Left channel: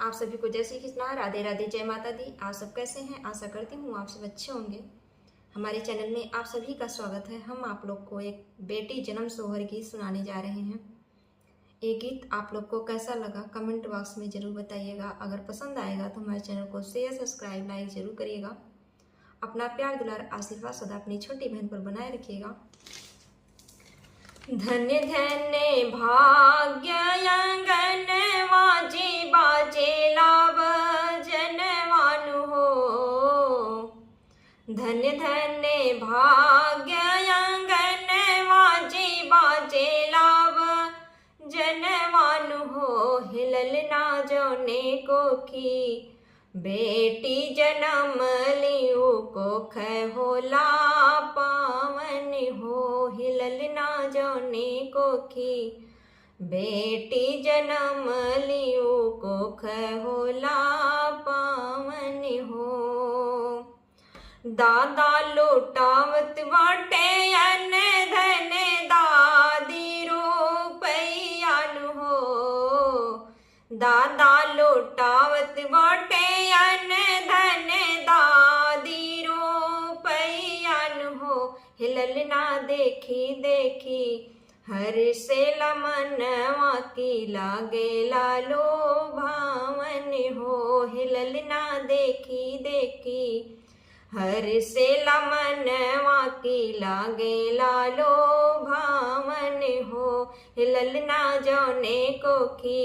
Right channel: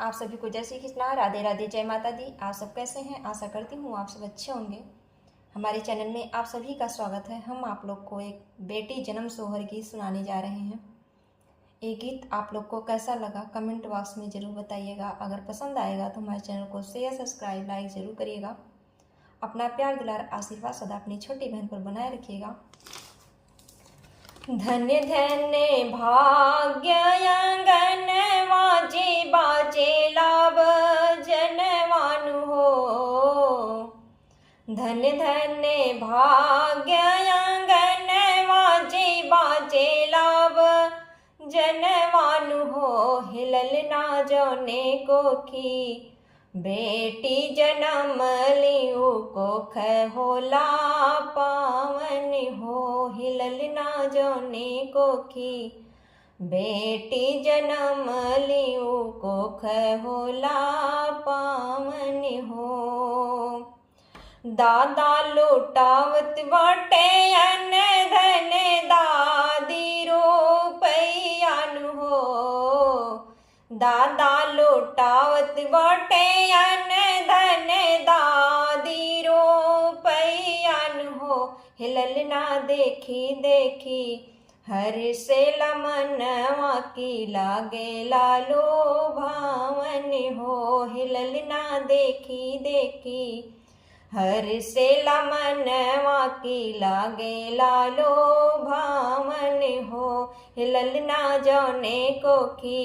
आप सभी को जय श्री कृष्णा, राधे राधे, जय माता दी। आप सब कैसे हैं? आशा करती हूँ आप सब अच्छे होंगे। हमारे चैनल में आप सभी का स्वागत है। हम आप लोग को एक बेटी जन्म सोहर गीत सुनाने जा रहे हैं। ये गीत आप लोग को कैसा लगा कमेंट बॉक्स में ज़रूर बताइएगा। अगर पसंद आएगा तो हमारे चैनल को शेयर, सब्सक्राइब, लाइक ज़रूर करिएगा। अपना प्यार, दुलार, आशीर्वाद सदा अपनी छोटी बहन पर बनाए रखिएगा। धन्य धन्य भाग्य अंगनवाजी बाजे लाभ जनवानु हो। धन्य धन्य भाग्य अंगनवाजी बाजे लाभ जनवानु हो। हिलल ना जौने कोखी बेटी जन्म लियो कोख होला पावन हो। हिलल ना जौने कोखी बेटी जन्म लियो कोख होला पावन हो। दादा लुटावत बाटे अन धन दादी रुपयानु हो। दादा लुटावत बाटे अन धन दादी रुपयानु हो। हिलल ना देखी देखी हर से मनवा की लागे लालो भावन हो। हिलल ना देखी देखी हर से मनवा की लागे लालो भावन हो। हिलल ना जौने कोखी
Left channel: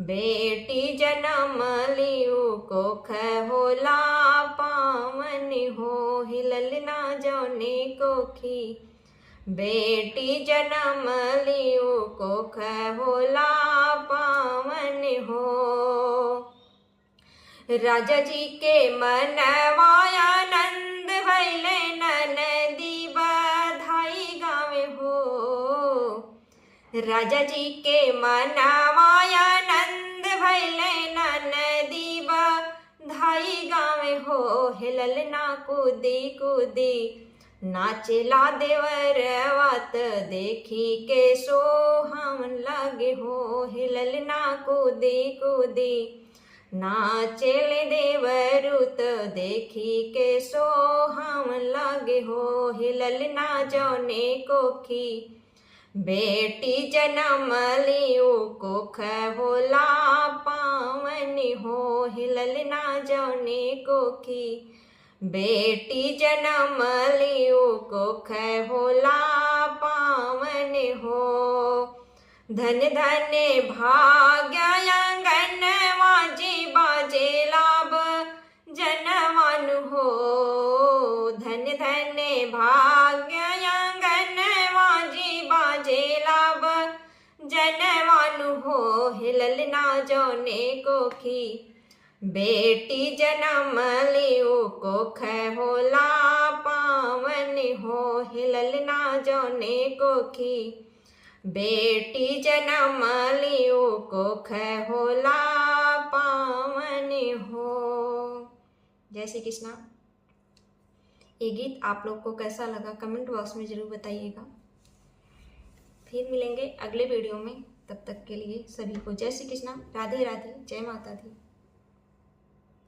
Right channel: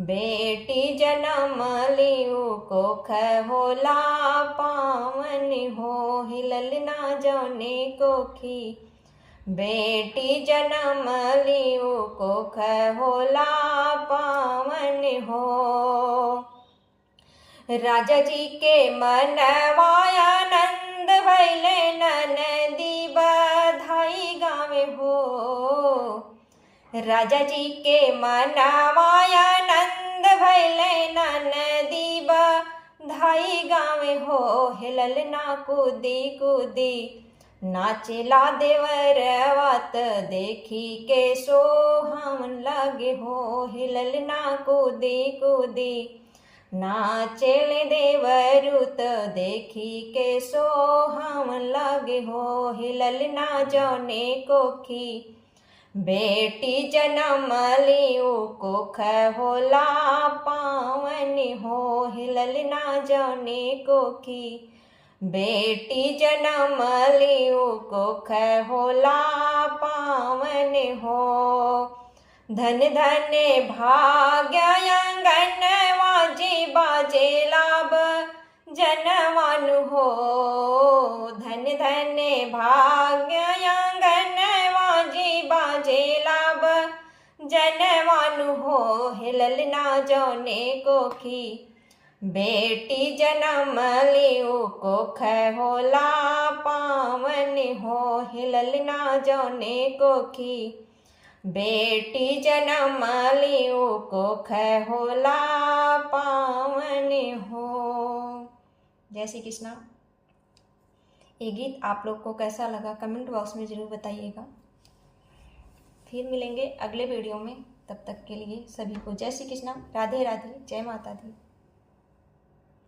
बेटी जन्म लियो कोख होला पावन हो। हिलल ना जौने कोखी बेटी जन्म लियो कोख होला पावन हो। राजा जी के मनवाया नंद भैले ननदी बधाई गावे हो। राजा जी के मनवाया नंद भैले ननदी बधाई गावे हो। हिलल ना कूदी कूदी नाचेला देवर वात देखी के सोहावन लगे हो। हिलल ना कूदी कूदी नाचेले देवरुत देखी के सोहावन लगे हो। हिलल ना जौने कोखी बेटी जन्म लियो कोख होला पावन हो। हिलल ना जौने कोखी बेटी जन्म लियो कोख होला पावन हो। धन धन भाग्य अंगनवाजी बाजे लाभ जनवानु हो। धन धन भाग्य अंगनवाजी बाजे लाभ जनवानु हो। हिलल ना जौने कोखी बेटी जन्म लियो कोख होला पावन हो। हिलल ना जौने कोखी बेटी जन्म लियो कोख होला पावन हो। जय श्री कृष्णा। ये गीत आप लोग को कैसा लगा कमेंट बॉक्स में ज़रूर बताइएगा। फिर मिलेंगे अगले वीडियो में। तब तक के लिए सभी को जय श्री कृष्णा, राधे राधे, जय माता दी।